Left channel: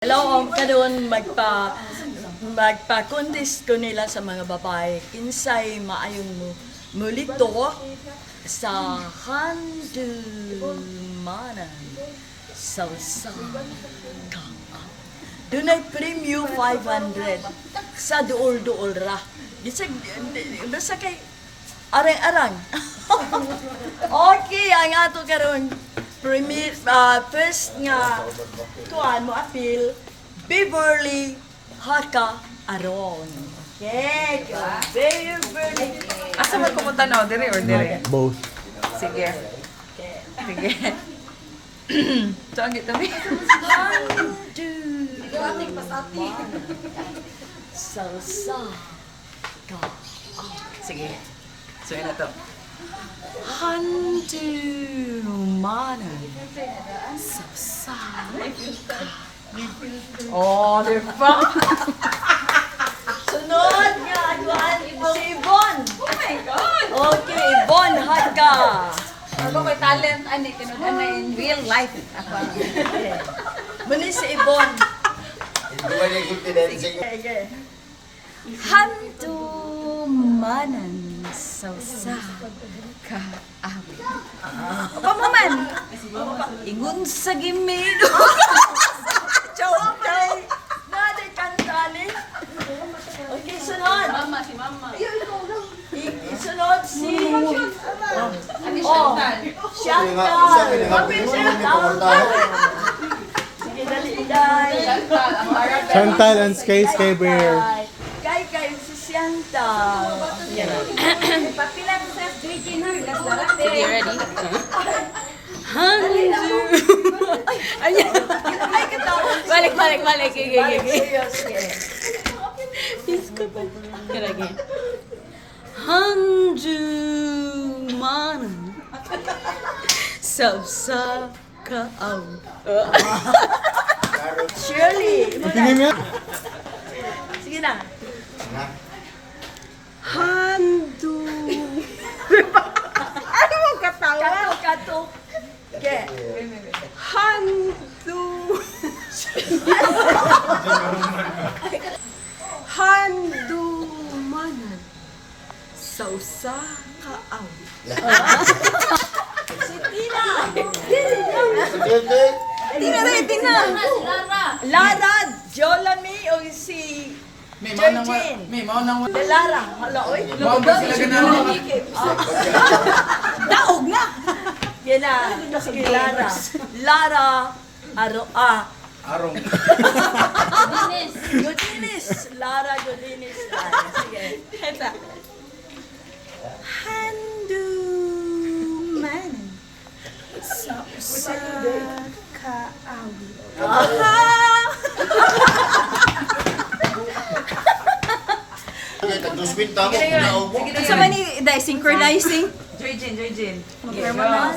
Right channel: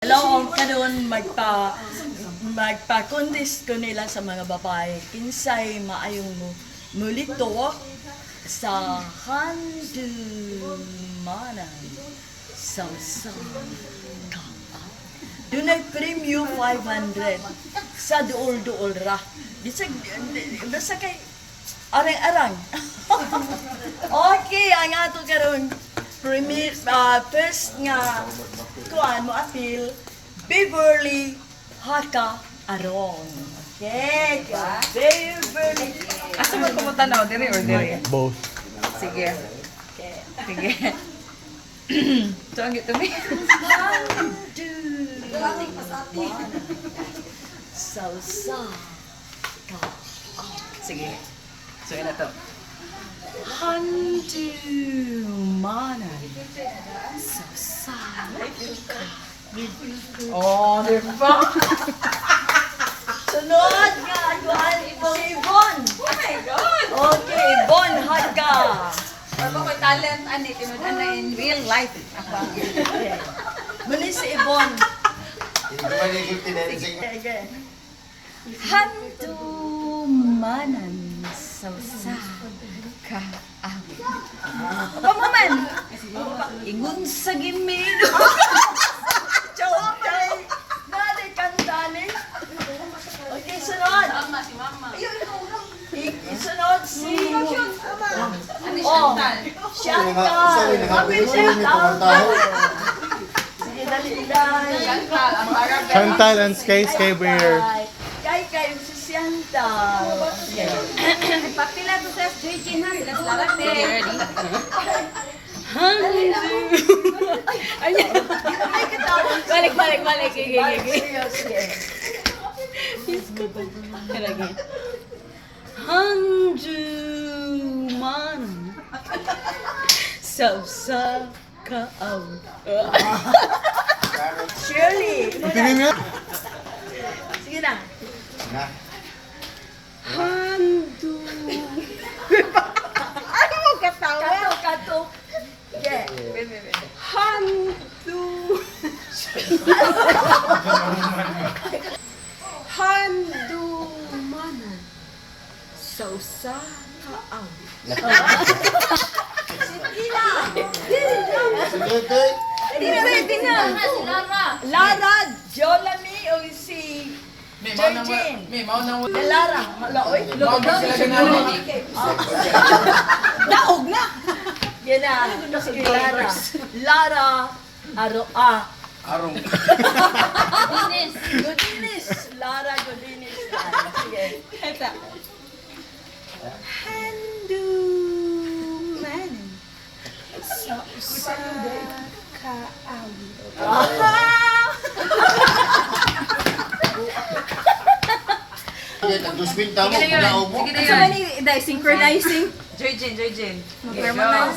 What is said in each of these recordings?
Hello, karon magpa-contest ko nila sa mga babae. Kinsay maayong mulito sa Handumanan sa ka. Dunay premium 500 sa duol-duol ra. Basta kay arang-arang. Okay, ang ato karon premier first nga kuan mo appeal Beverly Haka Aron. Okay, Beverly. Asa man pumunta na dire or dire? Both. Sige. Okay. Sige. So ang gito mi. Salsa. Sige. So ina to. Handumanan. Salsa. Oh, di ba? Sunod nga, Juan, si Yvonne. Oh my god. Okay, Yvonne Haka. Ako ko'y talent ani tinud-an na in real life. Ako. Muni si Yvonne. Okay. Handumanan salsa ka awit. Apa man? Ingon sa gimid. Joke day. Nade kantani. Okay, sunod. Mama si mama. Sunod si Ani Oh, Chantal. Chantal. Sige, dali, dali. Chantal, ang Arab. Chantal and Skyscaper. Kay si Chantal. Pagpila to sa street dinner, that's larat. Sige, ready? Ayan. Ay, katawa. Balik. Gigi. Sige. Kalagi. Handumanan salsa ka awit. Shirley. Sige na. Handu. Ano mo katawa? Kato. Yeah. Handu. Handumanan. Sausa ka awit. Tina. Lara, Jolani o si Georgine. Lara, hala oy. Daog na. Yan na. Sige, Lara. Lara, Arong. Godinis. Lara Godinis. Sige. Handumanan. Sausa ka awit. Sa mani dai synchronizing. Joyjin. Handumanan.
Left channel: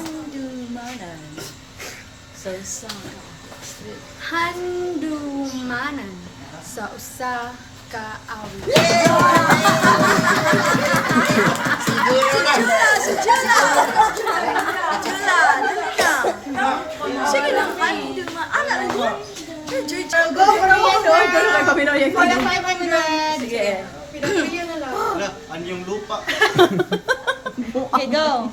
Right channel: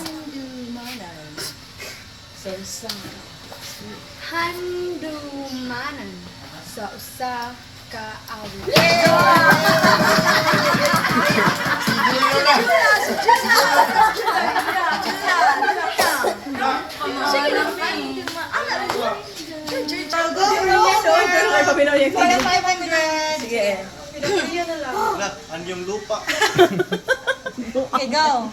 Sausa. Handumanan. Sausa ka awit. Sige lang, sige. Anyong lupa. Okay, go.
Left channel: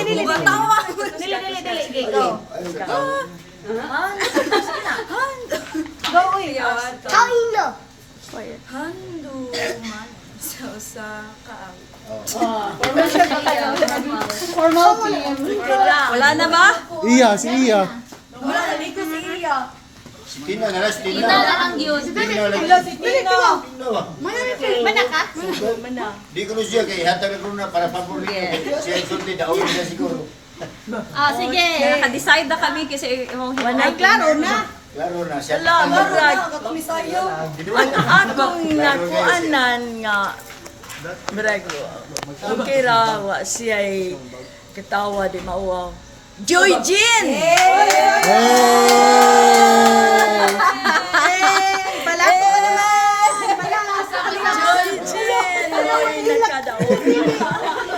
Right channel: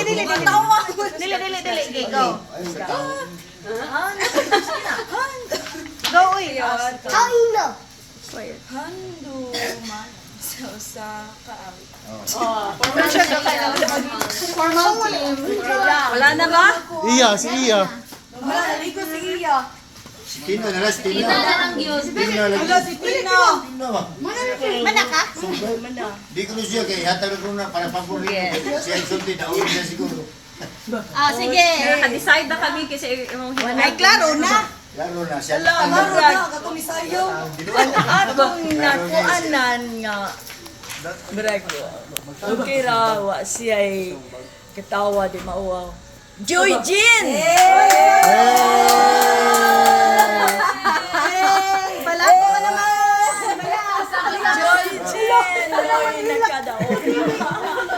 Dili. Okay, go. Go, uy. Handumanan. Sausa ka awit. Wala na ba? Iya, si Iya. Wala, naliko si Iya. Tina na lang, Tina. Tina lang. Mana ka? Mana. Di ko siya kay hatag ko na para paborito. Siya sulti daw niya siguro. Sige. Naka-decide na kami kasi ay klaro na. Laro na siya. Ala, murag. Ang atong nakuanan nga. Murag. Okay ra, wa siya'y katawa di mauwaw. Joyjin! Balako ka naman. Joyjin! Ay, nakadaog.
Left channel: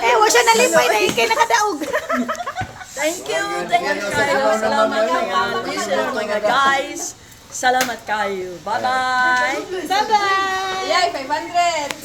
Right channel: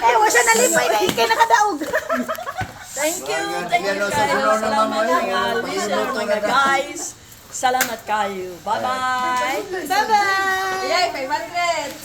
Wa siya nalipay na ikay nakadaog. Thank you kayo. Salamat mga guys. Salamat kayo. Bye-bye. Bye-bye! Yay, 500!